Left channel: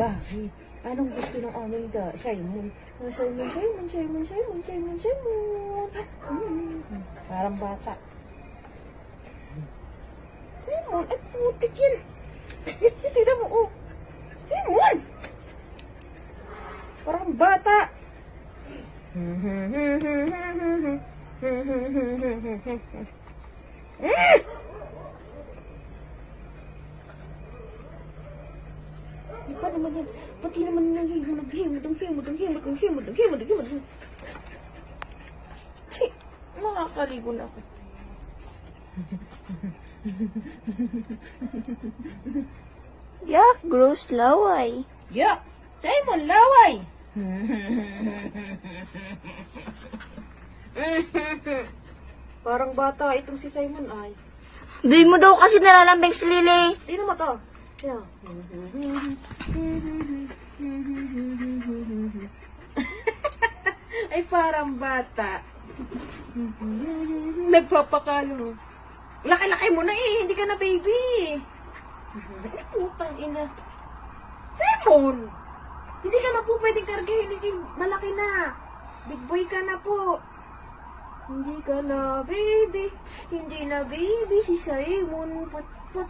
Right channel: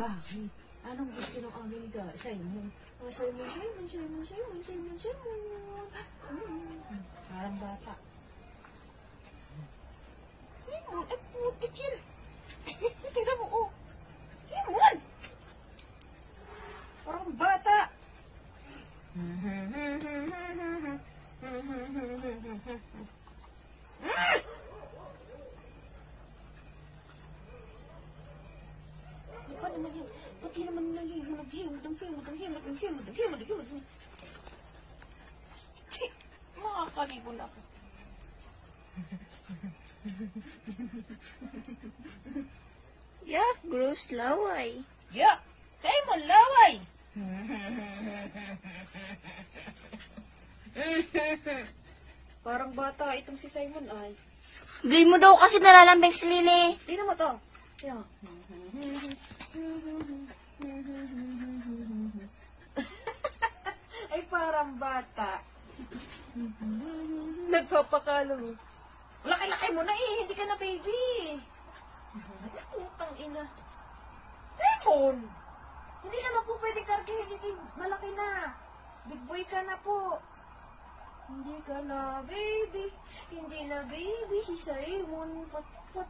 Bakit? Anong gusto ng aming Simon? Simon, Simon, Simon, Simon, Simon, Simon. Parang bata. Simon, ay putik yan. Tignan mo, oh. Simon! Parang bata. Ikaw naman yan. Pati naman nanghihimod ang himod. Chi, makakaligo na ako. Yak, gross laway. Yak, Simon, laway. Parang bata itong si Simon ay. Di mo daw kasi nalalambing si Lily. Tingnan mo to. Tingnan mo. Ay, parang bata. Nagpapakalo mo. Laki-laki mo na eh. Hindi ka na baby. Ay, putang ina. Simon! Hindi ka na po pwedeng kargahin. Hindi, malaki na. Big boy ka na po. Hindi ka na baby. Hindi na baby si Simon. Put.